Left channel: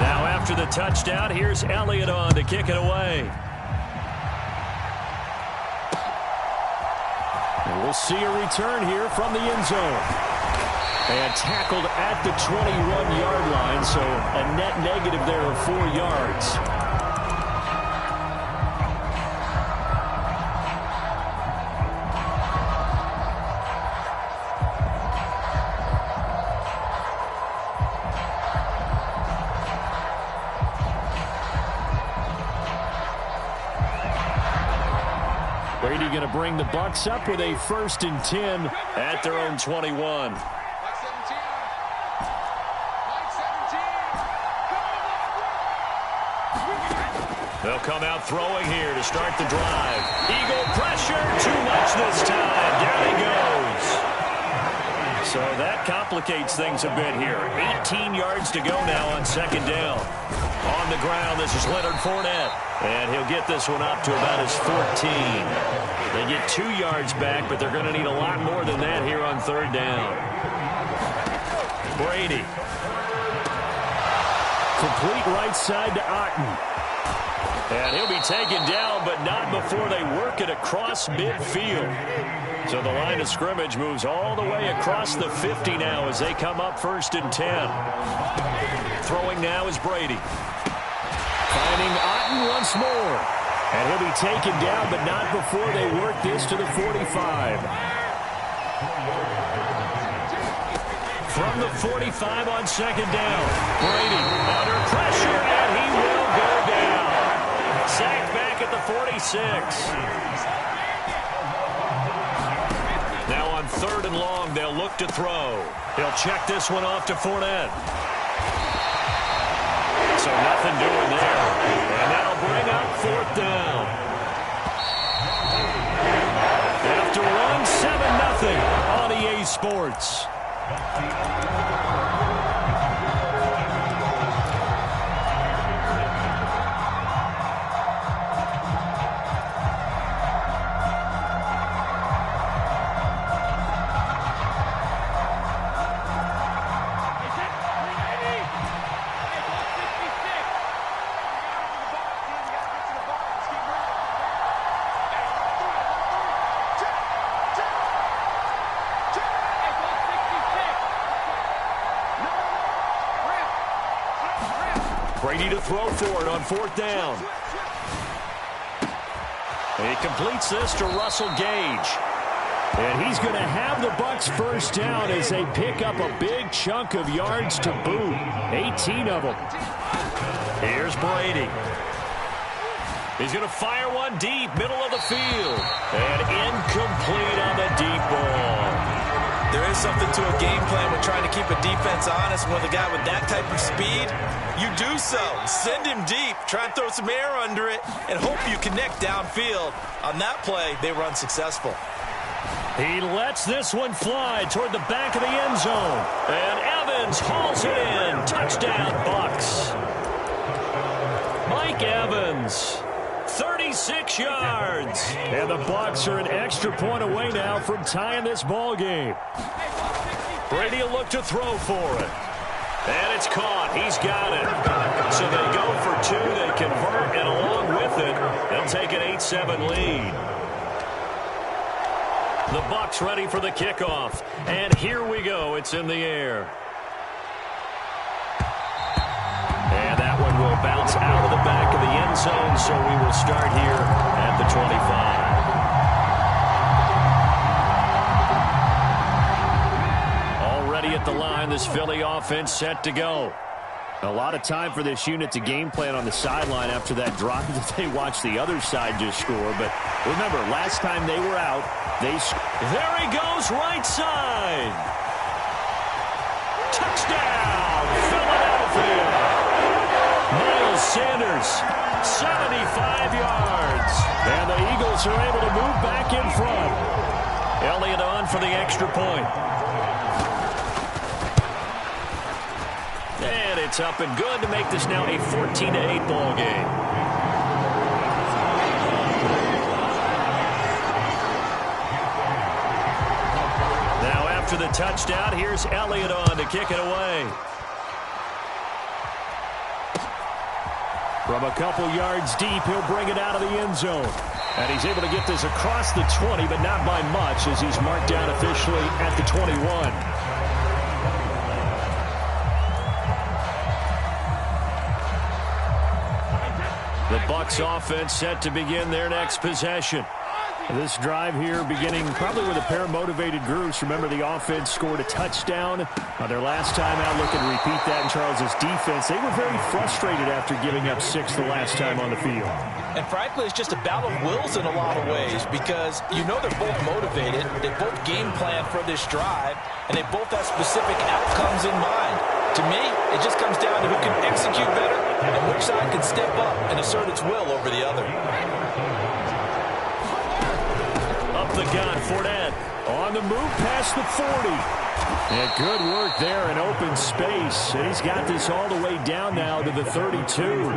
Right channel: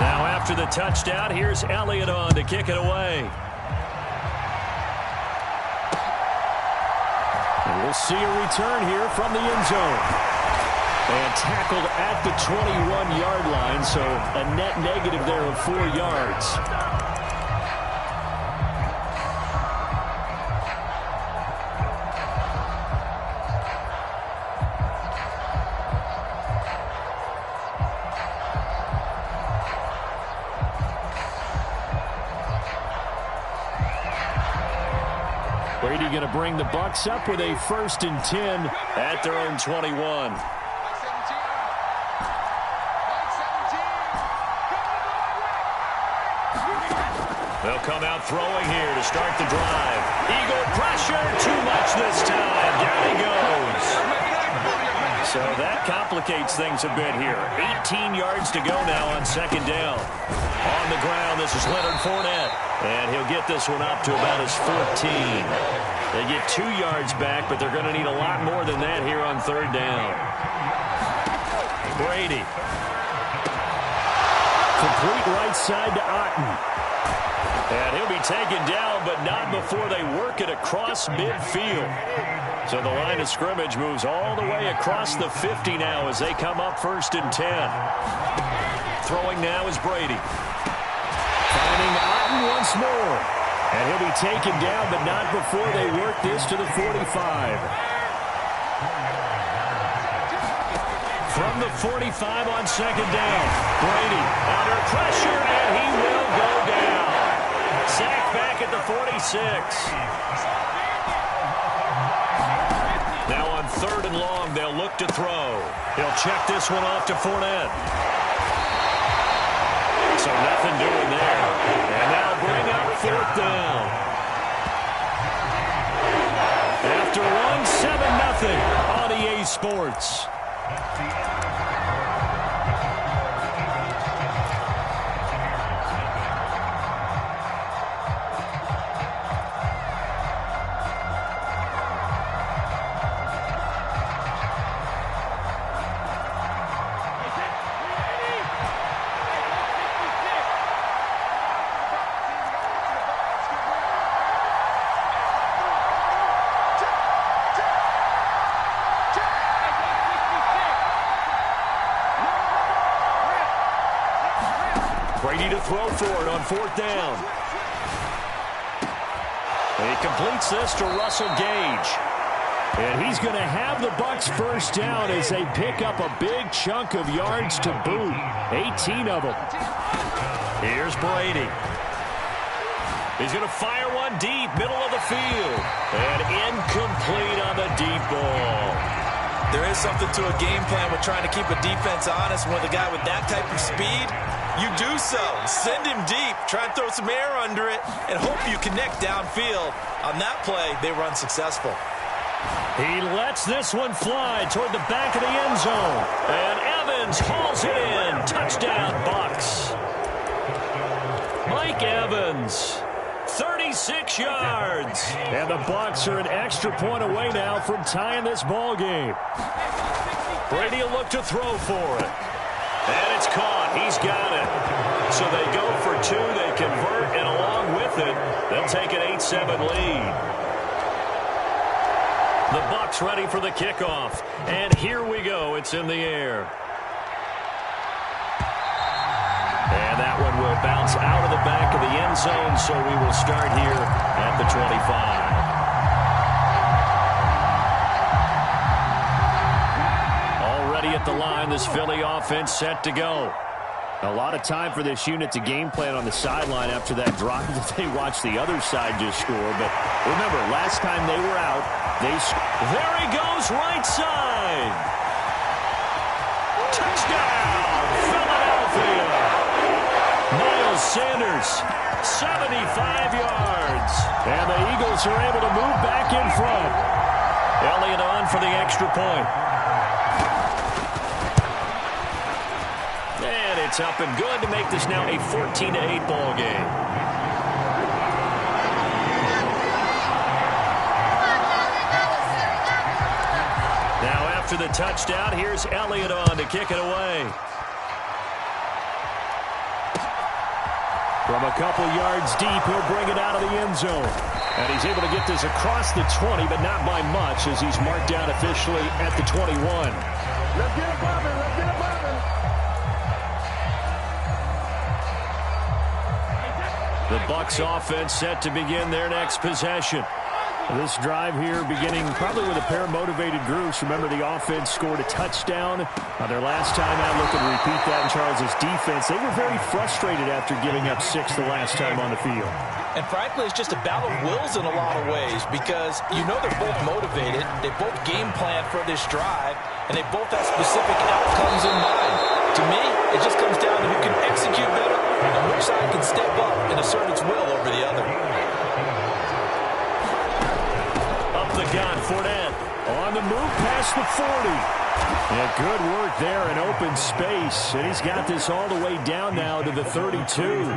Now after the touchdown, here's Elliott on to kick it away. And we'll see a return here from the end zone. And tackled at the 21-yard line, so a net negative there of 4 yards. Brady going to bring the Bucs up with a 1st and 10 at their own 21. They'll come out throwing here to start the drive. Eagle pressure, too much this time. Down he goes. So that complicates things a bit here. 18 yards to go now on 2nd down. On the ground, this is Leonard Fournette. And he'll get this one up to about his 14. They get 2 yards back, but they're going to need a lot more than that here on 3rd down. Brady. Complete right side to Otten. And he'll be taken down, but not before they work it across midfield. So the line of scrimmage moves all the way across the 50 now as they come up 1st and 10. Throwing now is Brady. Finding Otten once more. And he'll be taken down, but not before they work this to the 45. From the 45 on 2nd down. Brady under pressure, and he will go down. Sacked back at the 46. Now on 3rd and long, they'll look to throw. He'll check this one off to Fournette. So nothing doing there. And that'll bring up 4th down. After one, 7-0 on EA Sports. Brady to throw for it on 4th down. He completes this to Russell Gage. And he's going to have the Bucs 1st down as they pick up a big chunk of yards to boot. 18 of them. Here's Brady. He's going to fire one deep, middle of the field. And incomplete on the deep ball. There is something to a game plan with trying to keep a defense honest. With a guy with that type of speed, you do so. Send him deep. Try and throw some air under it and hope you connect downfield. On that play, they were unsuccessful. He lets this one fly toward the back of the end zone. And Evans hauls it in. Touchdown, Bucs. Mike Evans, 36 yards. And the Bucs are an extra point away now from tying this ball game. Brady will look to throw for it. And it's caught. He's got it. So they go for 2. They convert, and along with it, they'll take an 8-7 lead. The Bucs ready for the kickoff. And here we go. It's in the air. And that one will bounce out of the back of the end zone, so we will start here at the 25. Already at the line, this Philly offense set to go. A lot of time for this unit to game plan on the sideline after that drive that they watched the other side just score. But remember, last time they were out, there he goes, right side. Touchdown, Philadelphia. Miles Sanders, 75 yards. And the Eagles are able to move back in front. Elliott on for the extra point. And it's up and good to make this now a 14-8 ball game. Now after the touchdown, here's Elliott on to kick it away. From a couple yards deep, he'll bring it out of the end zone. And he's able to get this across the 20, but not by much, as he's marked down officially at the 21. The Bucs offense set to begin their next possession. This drive here beginning probably with a pair of motivated groups. Remember, the offense scored a touchdown their last time out. Looking to repeat that in Charles's defense. They were very frustrated after giving up 6 the last time on the field. And frankly, it's just a battle of wills in a lot of ways, because you know they're both motivated. They both game plan for this drive, and they both have specific outcomes in mind. To me, it just comes down to who can execute better and which side can step up and assert its will over the other. Up the gun, Fournette on the move past the 40. Yeah, good work there in open space. And he's got this all the way down now to the 32.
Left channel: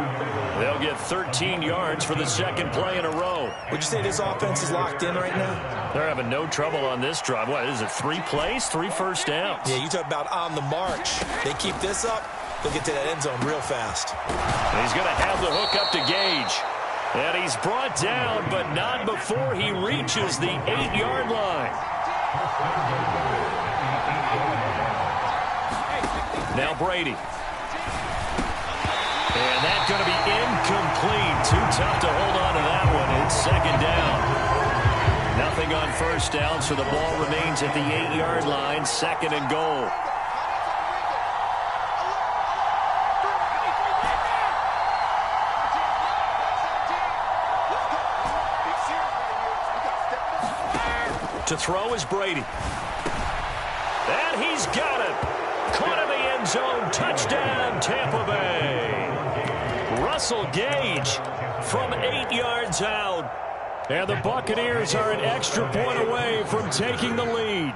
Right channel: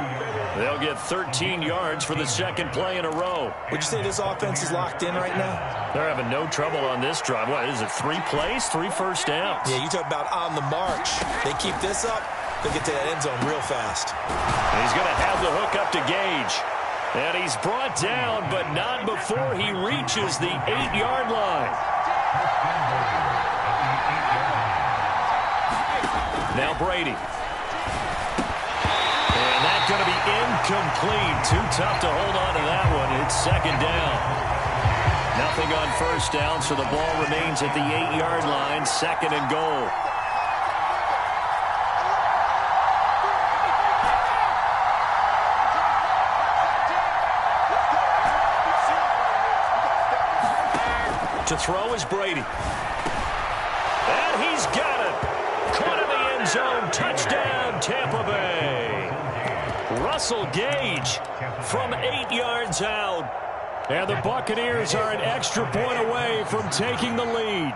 They'll get 13 yards for the second play in a row. Would you say this offense is locked in right now? They're having no trouble on this drive. What is it, 3 plays, 3 first downs? Yeah, you talk about on the march. They keep this up, they'll get to that end zone real fast. And he's going to have the hook up to Gage. And he's brought down, but not before he reaches the 8-yard line. Now Brady. And that's going to be incomplete. Too tough to hold on to that one. It's second down. Nothing on first down, so the ball remains at the 8-yard line. Second and goal. To throw is Brady. And he's got it. Caught in the end zone. Touchdown, Tampa Bay. Russell Gage from 8 yards out. And the Buccaneers are an extra point away from taking the lead.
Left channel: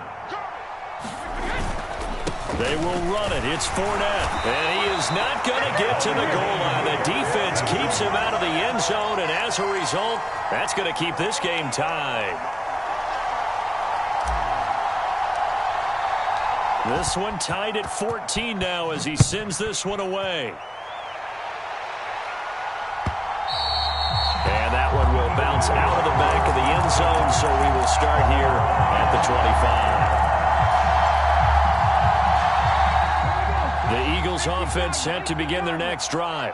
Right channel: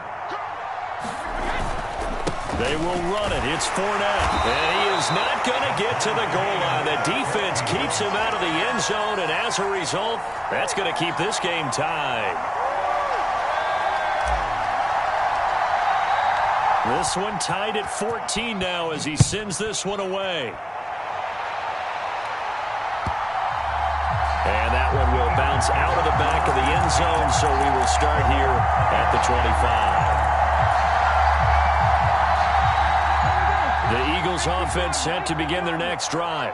They will run it. It's Fournette. And he is not going to get to the goal line. The defense keeps him out of the end zone. And as a result, that's going to keep this game tied. This one tied at 14 now as he sends this one away. And that one will bounce out of the back of the end zone, so we will start here at the 25. The Eagles offense set to begin their next drive.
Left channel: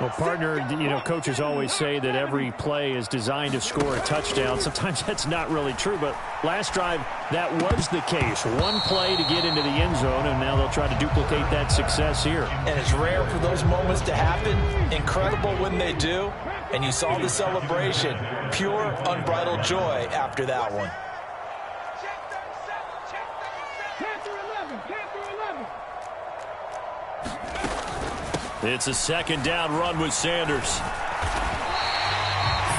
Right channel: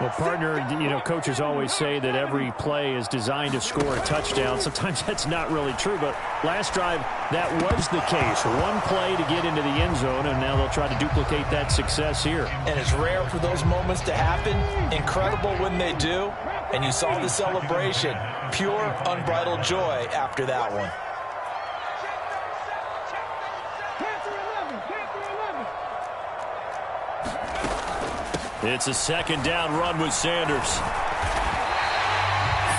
Well, partner, you know, coaches always say that every play is designed to score a touchdown. Sometimes that's not really true, but last drive, that was the case. One play to get into the end zone, and now they'll try to duplicate that success here. And it's rare for those moments to happen. Incredible when they do. And you saw the celebration. Pure, unbridled joy after that one. It's a second down run with Sanders.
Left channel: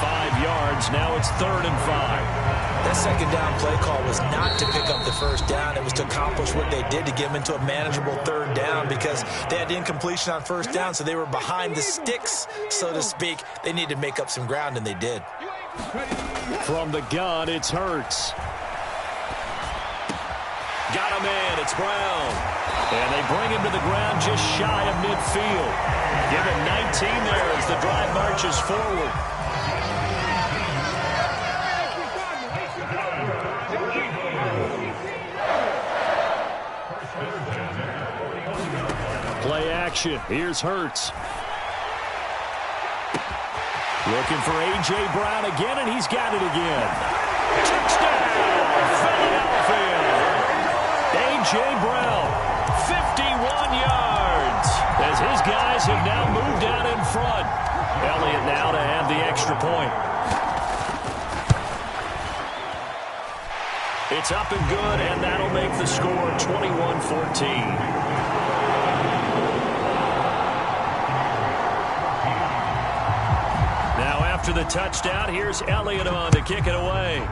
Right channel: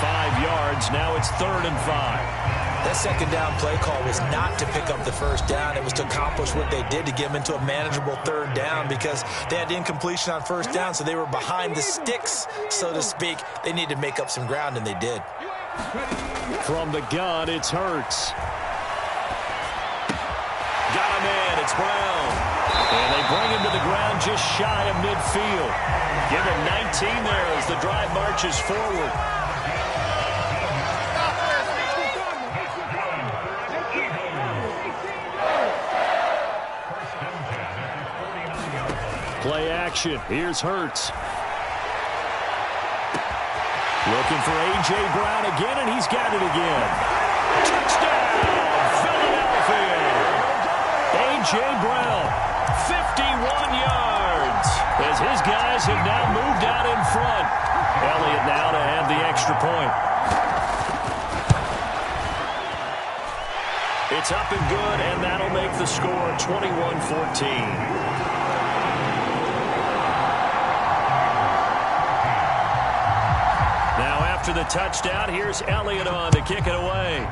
5 yards. Now it's 3rd and 5. That second down play call was not to pick up the first down. It was to accomplish what they did, to get them into a manageable 3rd down, because they had incompletion on first down, so they were behind the sticks, so to speak. They needed to make up some ground, and they did. From the gun, it's Hurts. Got him in. It's Brown. And they bring him to the ground just shy of midfield. Give him 19 there as the drive marches forward. Play action. Here's Hurts. Looking for A.J. Brown again, and he's got it again. Touchdown, Philadelphia. A.J. Brown, 51 yards, as his guys have now moved out in front. Elliott now to have the extra point. It's up and good, and that'll make the score 21-14. Now after the touchdown, here's Elliott on to kick it away.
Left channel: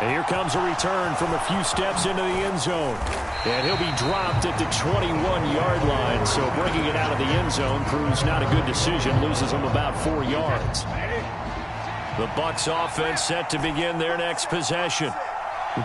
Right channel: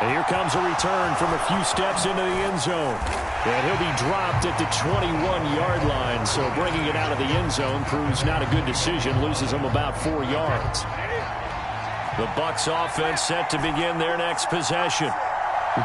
And here comes a return from a few steps into the end zone. And he'll be dropped at the 21-yard line. So bringing it out of the end zone proves not a good decision. Loses him about 4 yards. The Bucs offense set to begin their next possession.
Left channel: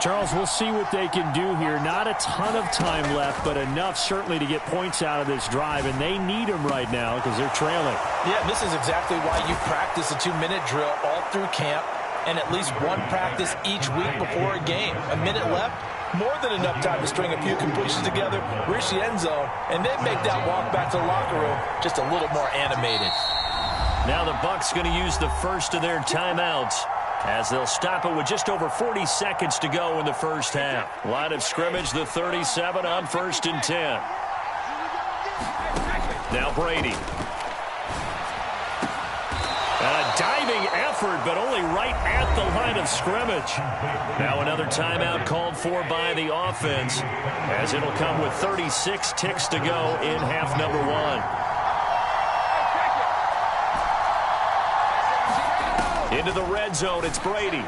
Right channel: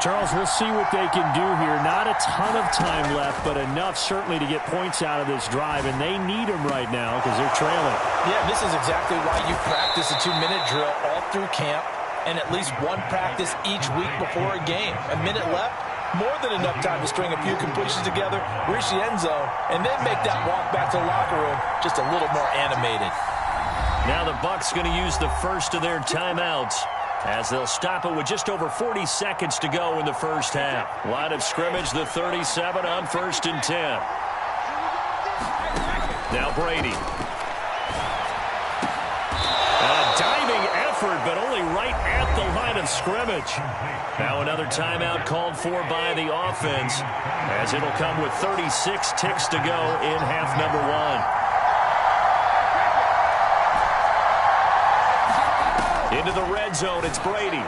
Charles, we'll see what they can do here. Not a ton of time left, but enough certainly to get points out of this drive, and they need them right now because they're trailing. Yeah, this is exactly why you practice a 2-minute drill all through camp and at least one practice each week before a game. A minute left, more than enough time to string a few completions together, reach the end zone, and then make that walk back to the locker room just a little more animated. Now the Bucs going to use the first of their timeouts, as they'll stop it with just over 40 seconds to go in the first half. Line of scrimmage, the 37 on 1st and 10. Now Brady. A diving effort, but only right at the line of scrimmage. Now another timeout called for by the offense, as it'll come with 36 ticks to go in half number 1. Into the red zone, it's Brady.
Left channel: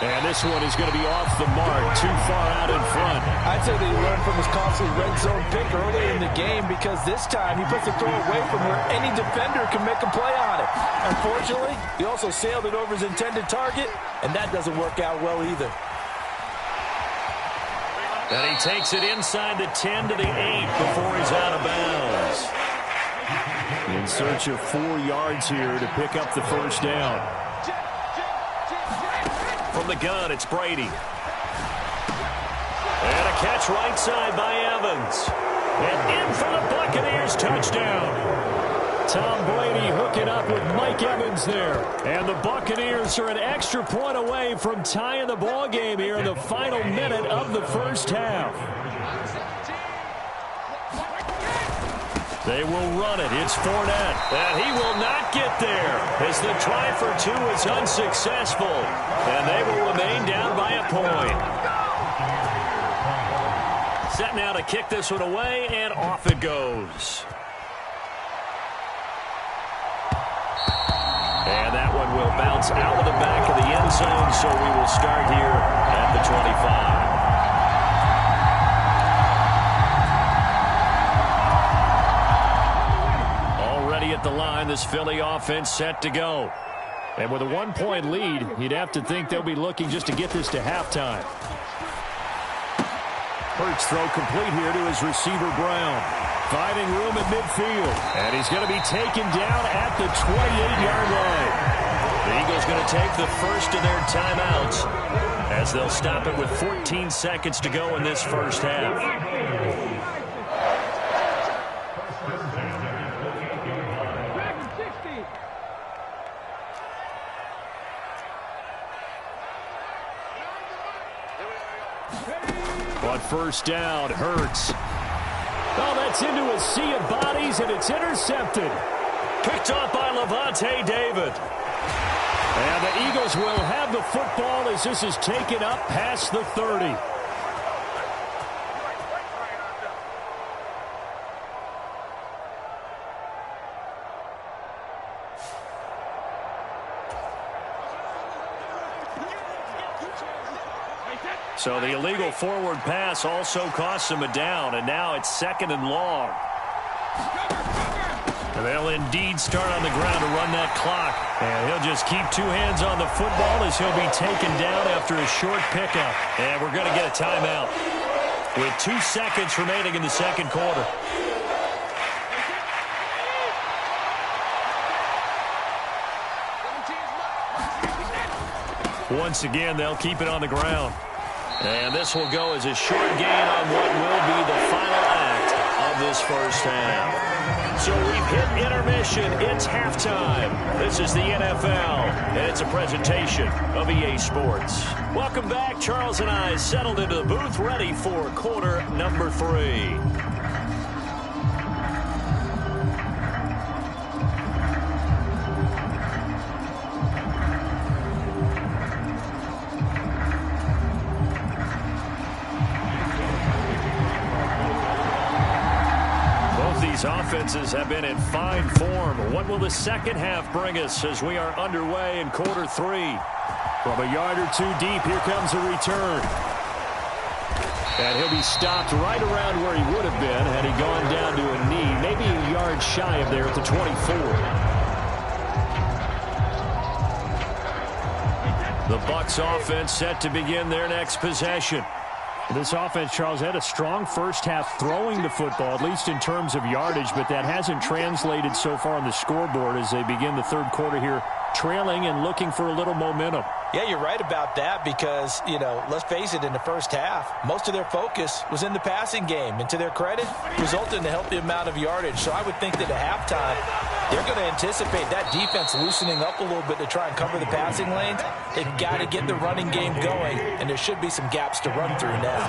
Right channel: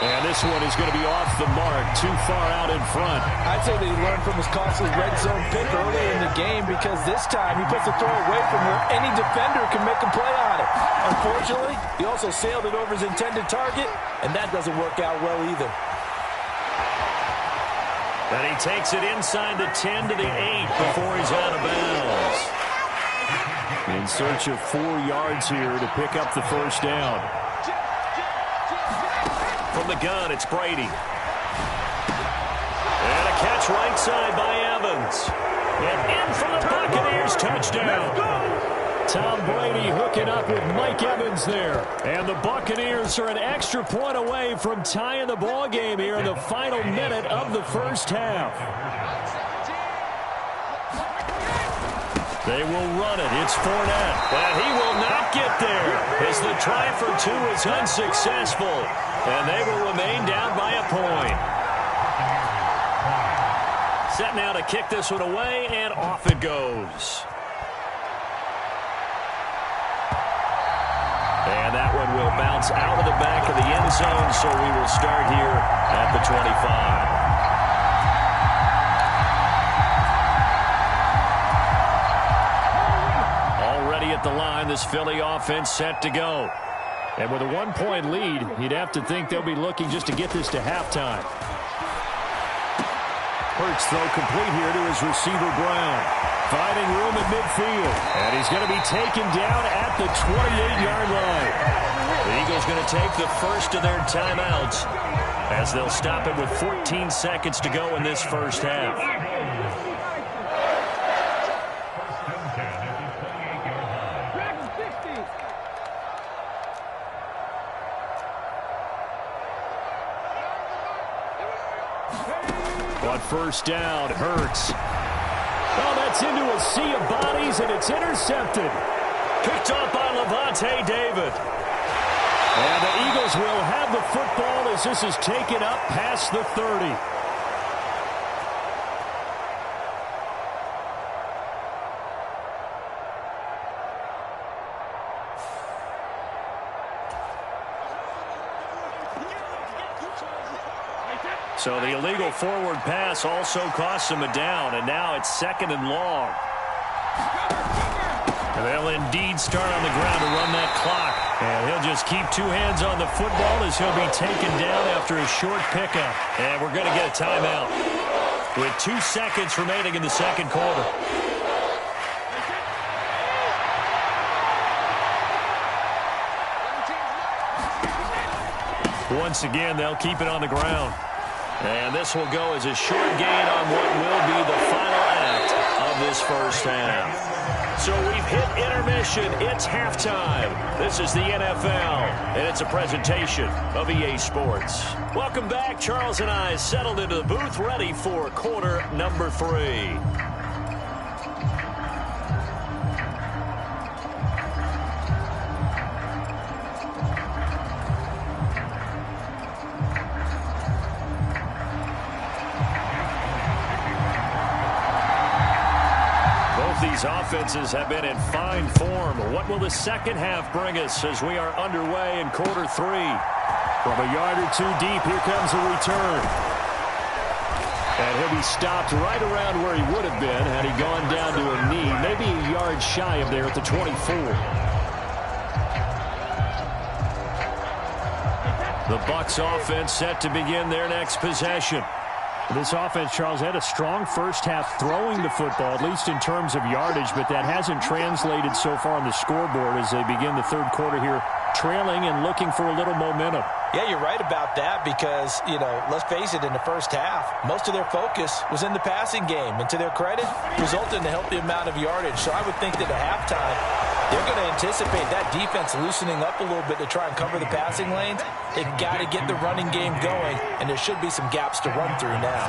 And this one is going to be off the mark, too far out in front. I'd say that he learned from his costly red zone pick earlier in the game, because this time he puts the throw away from where any defender can make a play on it. Unfortunately, he also sailed it over his intended target, and that doesn't work out well either. And he takes it inside the 10 to the 8 before he's out of bounds. In search of 4 yards here to pick up the first down. From the gun, it's Brady. And a catch right side by Evans. And in for the Buccaneers, touchdown. Tom Brady hooking up with Mike Evans there. And the Buccaneers are an extra point away from tying the ball game here in the final minute of the first half. They will run it. It's Fournette. And he will not get there as the try for 2 is unsuccessful. And they will remain down by a point. Set now to kick this one away, and off it goes. And that one will bounce out of the back of the end zone, so we will start here at the 25. At the line, this Philly offense set to go. And with a 1-point lead, you'd have to think they'll be looking just to get this to halftime. Hurts throw complete here to his receiver Brown. Finding room at midfield. And he's going to be taken down at the 28-yard line. The Eagles going to take the first of their timeouts as they'll stop it with 14 seconds to go in this first half. On first down, Hurts. Oh, that's into a sea of bodies, and it's intercepted. Picked up by Lavonte David. And the Eagles will have the football as this is taken up past the 30. So the illegal forward pass also costs him a down, and now it's 2nd and long. And they'll indeed start on the ground to run that clock. And he'll just keep 2 hands on the football as he'll be taken down after a short pickup. And we're going to get a timeout with 2 seconds remaining in the second quarter. Once again, they'll keep it on the ground. And this will go as a short gain on what will be the final act of this first half. So we've hit intermission. It's halftime. This is the NFL, and it's a presentation of EA Sports. Welcome back. Charles and I settled into the booth, ready for quarter number 3. These offenses have been in fine form. What will the second half bring us as we are underway in quarter 3? From a yard or 2 deep, here comes a return. And he'll be stopped right around where he would have been had he gone down to a knee, maybe a yard shy of there at the 24. The Bucs offense set to begin their next possession. This offense, Charles, had a strong first half throwing the football, at least in terms of yardage, but that hasn't translated so far on the scoreboard as they begin the third quarter here, trailing and looking for a little momentum. Yeah, you're right about that because, let's face it, in the first half, most of their focus was in the passing game. And to their credit, resulted in a healthy amount of yardage. So I would think that at halftime, they're going to anticipate that defense loosening up a little bit to try and cover the passing lanes. They've got to get the running game going, and there should be some gaps to run through now.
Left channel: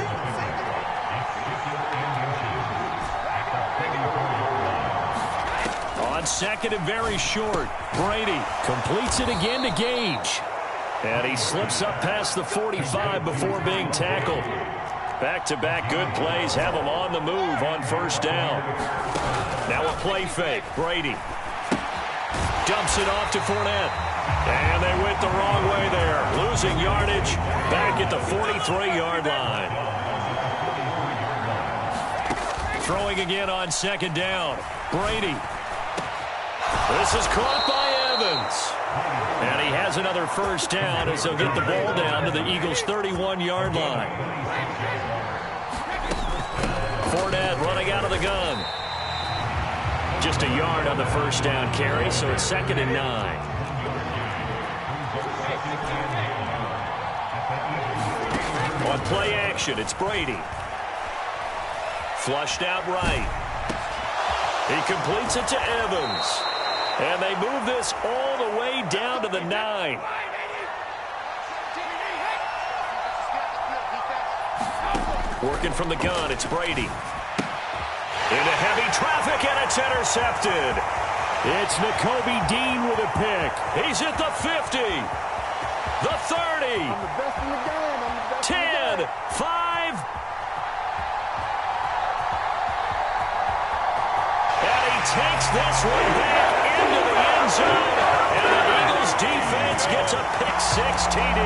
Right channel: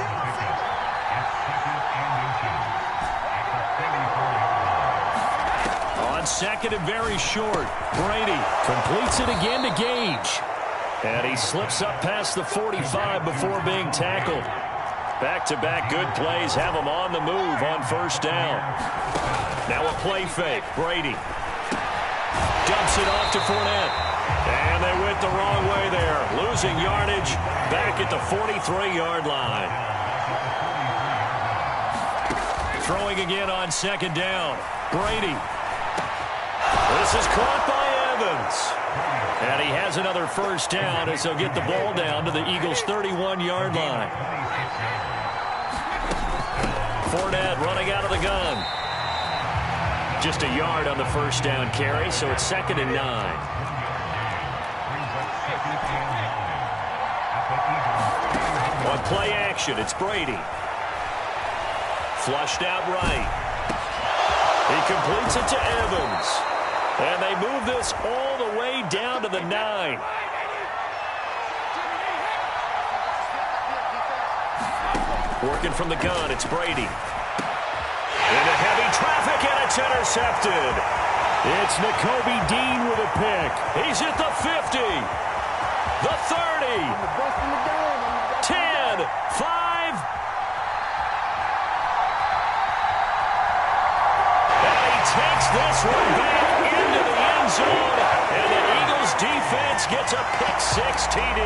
On second and very short, Brady completes it again to Gage. And he slips up past the 45 before being tackled. Back-to-back good plays have him on the move on first down. Now a play fake. Brady dumps it off to Fournette. And they went the wrong way there. Losing yardage back at the 43-yard line. Throwing again on second down. Brady. This is caught by Evans. And he has another first down as they'll get the ball down to the Eagles' 31-yard line. Fournette running out of the gun. Just a yard on the first down carry, so it's 2nd and 9. On play action, it's Brady. Flushed out right. He completes it to Evans. And they move this all the way down to the 9. Working from the gun, it's Brady. Into heavy traffic, and it's intercepted. It's Nakobe Dean with a pick. He's at the 50. The 30. I'm the best in the game. 10, 5. And he takes this one back into the end zone, and the Eagles defense gets a pick-6 TD.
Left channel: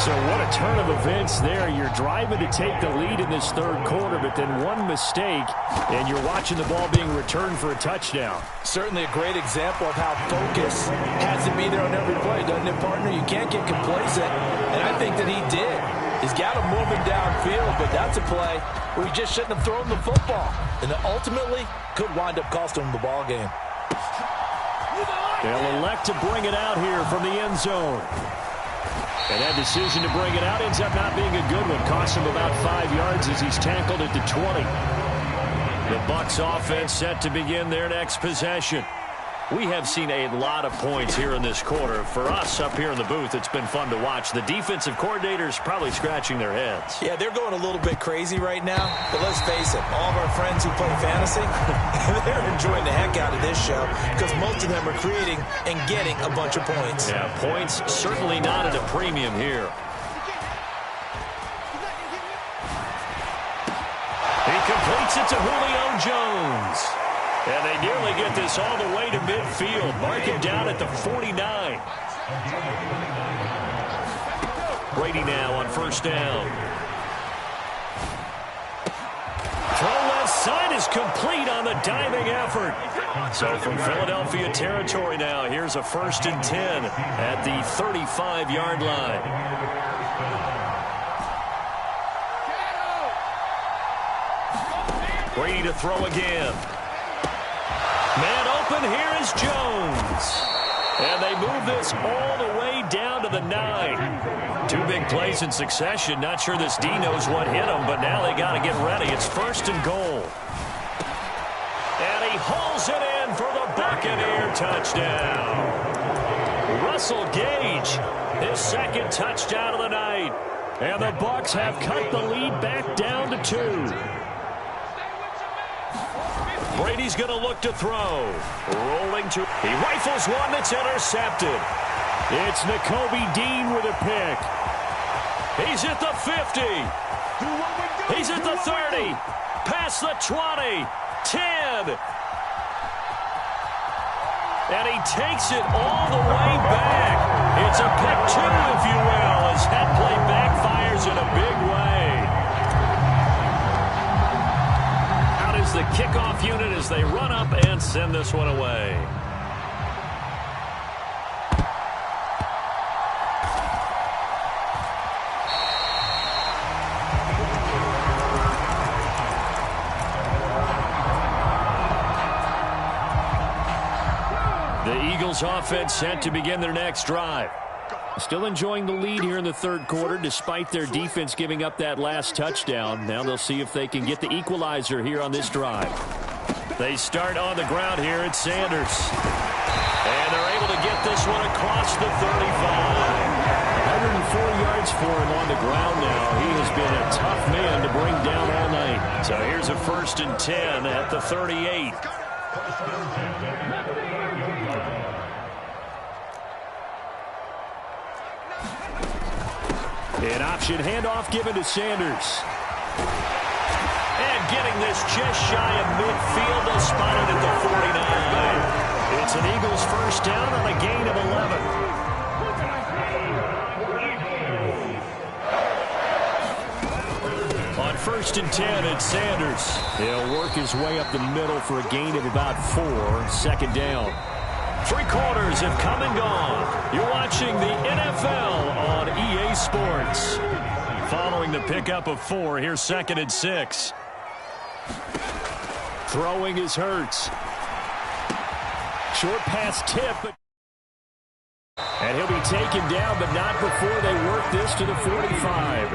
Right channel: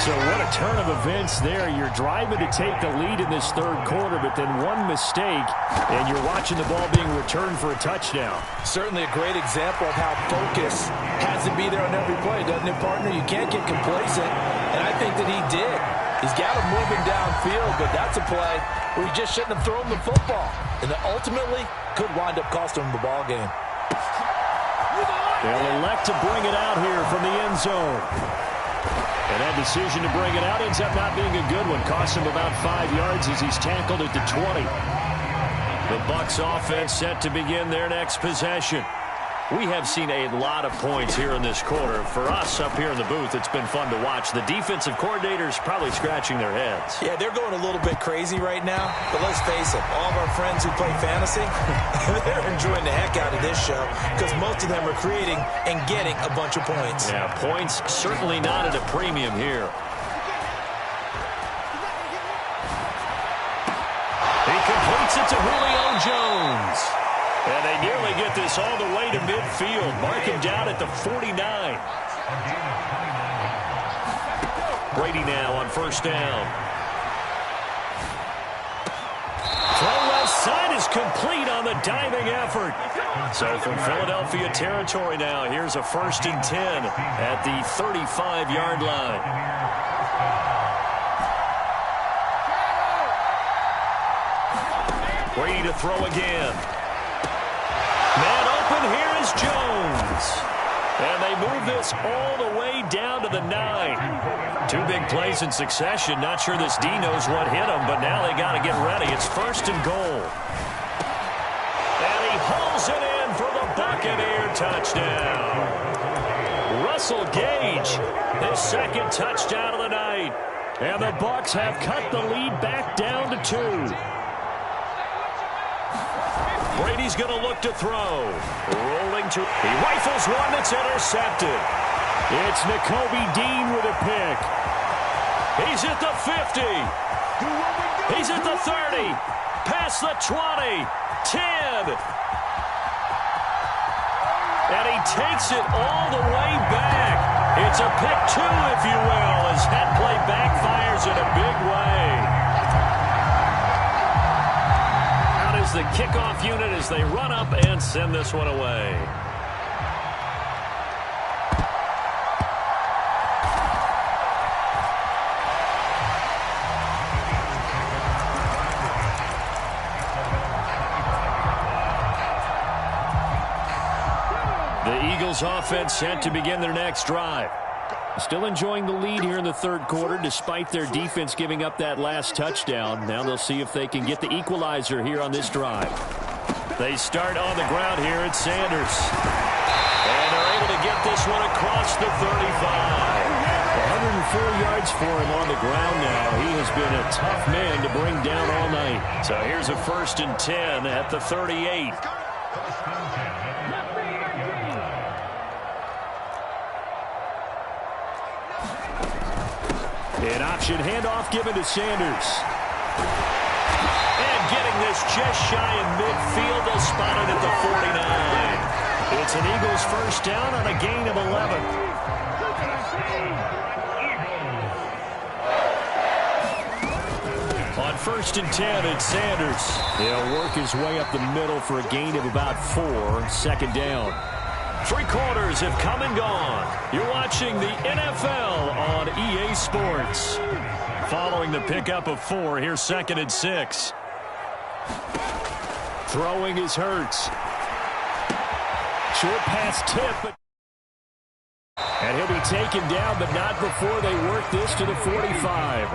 So what a turn of events there. You're driving to take the lead in this third quarter, but then one mistake, and you're watching the ball being returned for a touchdown. Certainly a great example of how focus has to be there on every play, doesn't it, partner? You can't get complacent, and I think that he did. He's got him moving downfield, but that's a play where he just shouldn't have thrown the football. And ultimately could wind up costing him the ball game. They'll elect to bring it out here from the end zone. And that decision to bring it out ends up not being a good one. Costs him about 5 yards as he's tackled at the 20. The Bucs offense set to begin their next possession. We have seen a lot of points here in this quarter. For us up here in the booth, it's been fun to watch. The defensive coordinators probably scratching their heads. Yeah, they're going a little bit crazy right now. But let's face it, all of our friends who play fantasy, they're enjoying the heck out of this show because most of them are creating and getting a bunch of points. Yeah, points certainly not at a premium here. He completes it to Julio Jones. And they nearly get this all the way to midfield. Mark him down at the 49. Brady now on first down. Throw left side is complete on the diving effort. So from Philadelphia territory now, here's a 1st and 10 at the 35-yard line. Brady to throw again. Man open, here is Jones. And they move this all the way down to the 9. 2 big plays in succession. Not sure this D knows what hit him, but now they got to get ready. It's 1st and goal. And he hauls it in for the Buccaneer touchdown. Russell Gage, his 2nd touchdown of the night. And the Bucs have cut the lead back down to 2. Brady's going to look to throw. Rolling to... He rifles one that's intercepted. It's Nakobe Dean with a pick. He's at the 50. He's at the 30. Past the 20. 10. And he takes it all the way back. It's a pick 2, if you will, as that play backfires in a big way. Is the kickoff unit as they run up and send this one away. The Eagles offense set to begin their next drive. Still enjoying the lead here in the third quarter despite their defense giving up that last touchdown. Now they'll see if they can get the equalizer here on this drive. They start on the ground here at Sanders. And they're able to get this one across the 35. 104 yards for him on the ground now. He has been a tough man to bring down all night. So here's a 1st and 10 at the 38. An option handoff given to Sanders. And getting this just shy of midfield. They'll spot it at the 49. It's an Eagles first down on a gain of 11. On 1st and 10, it's Sanders. He'll work his way up the middle for a gain of about 4. 2nd down. 3 quarters have come and gone. You're watching the NFL on EA Sports. Following the pickup of 4, here's 2nd and 6. Throwing is Hurts. Short pass tip. And he'll be taken down, but not before they work this to the 45.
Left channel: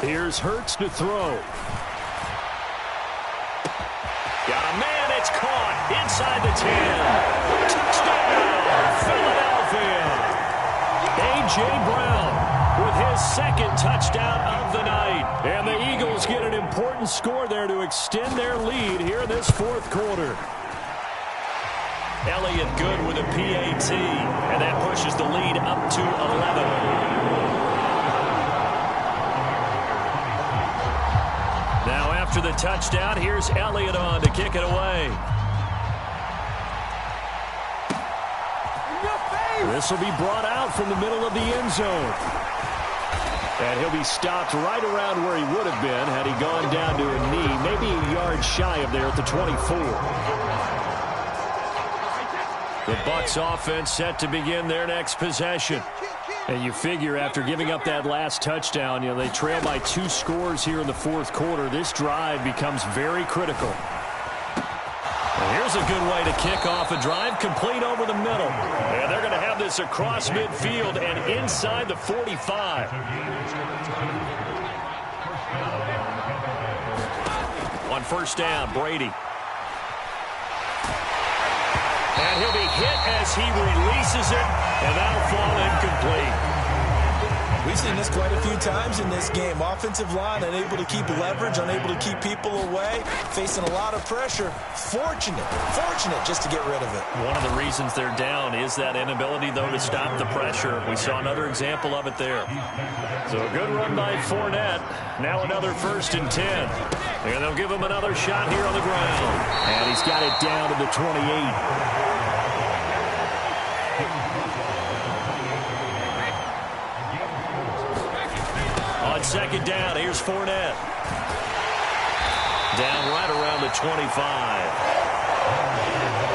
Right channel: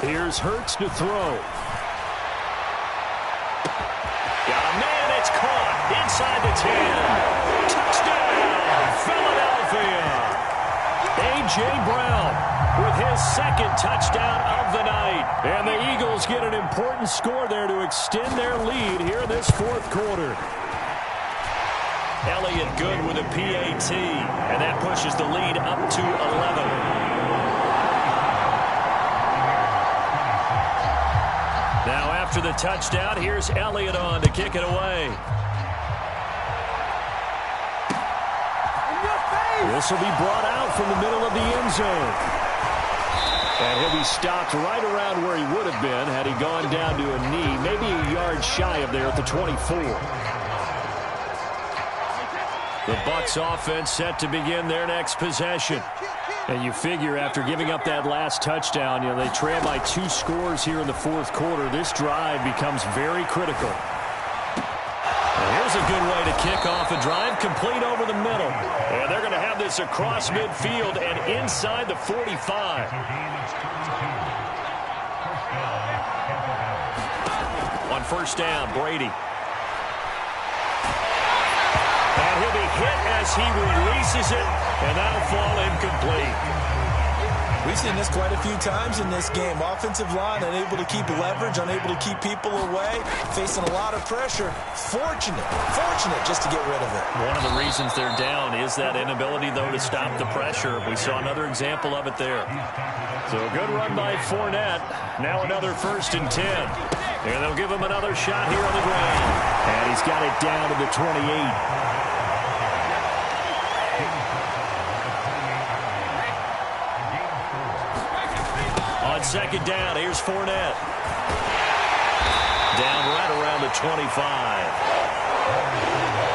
Here's Hurts to throw. Got a man, it's caught inside the 10. Touchdown, Philadelphia. A.J. Brown with his 2nd touchdown of the night. And the Eagles get an important score there to extend their lead here in this 4th quarter. Elliott good with a PAT, and that pushes the lead up to 11. Now after the touchdown, here's Elliott on to kick it away. This will be brought out from the middle of the end zone. And he'll be stopped right around where he would have been had he gone down to a knee, maybe a yard shy of there at the 24. The Bucs offense set to begin their next possession. And you figure after giving up that last touchdown, they trail by 2 scores here in the 4th quarter. This drive becomes very critical. And here's a good way to kick off a drive, complete over the middle. And they're going to have this across midfield and inside the 45. On 1st down, Brady. And he'll be hit as he releases it, and that'll fall incomplete. We've seen this quite a few times in this game. Offensive line unable to keep leverage, unable to keep people away, facing a lot of pressure. Fortunate just to get rid of it. One of the reasons they're down is that inability, though, to stop the pressure. We saw another example of it there. So a good run by Fournette. Now another 1st and 10. And they'll give him another shot here on the ground. And he's got it down to the 28. On 2nd down, here's Fournette. Down right around the 25.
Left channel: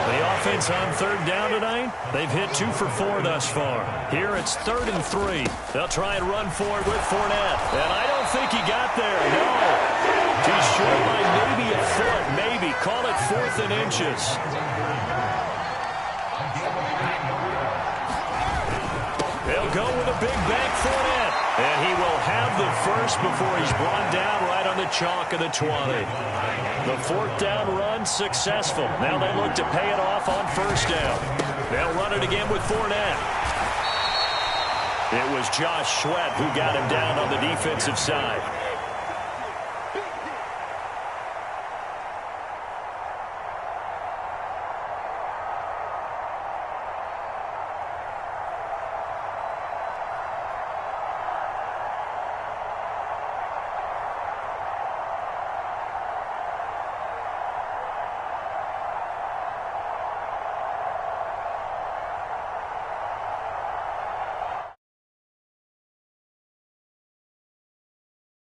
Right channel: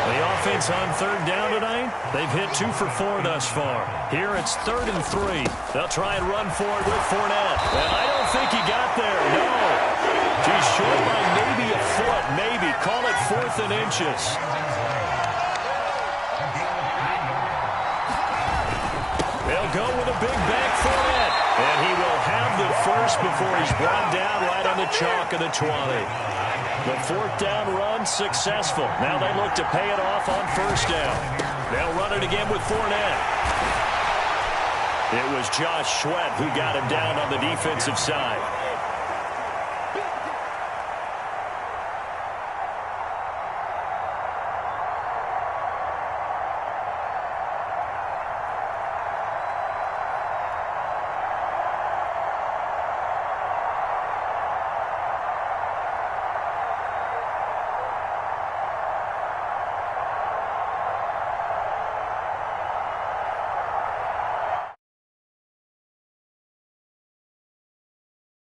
The offense on 3rd down tonight, they've hit 2 for 4 thus far. Here it's 3rd and 3. They'll try and run for it with Fournette. And I don't think he got there, no. He's short by maybe a foot, maybe. Call it 4th and inches. They'll go with a big bank Fournette. And he will have the first before he's brought down right on the chalk of the 20. The 4th down run successful. Now they look to pay it off on 1st down. They'll run it again with Fournette. It was Josh Sweat who got him down on the defensive side.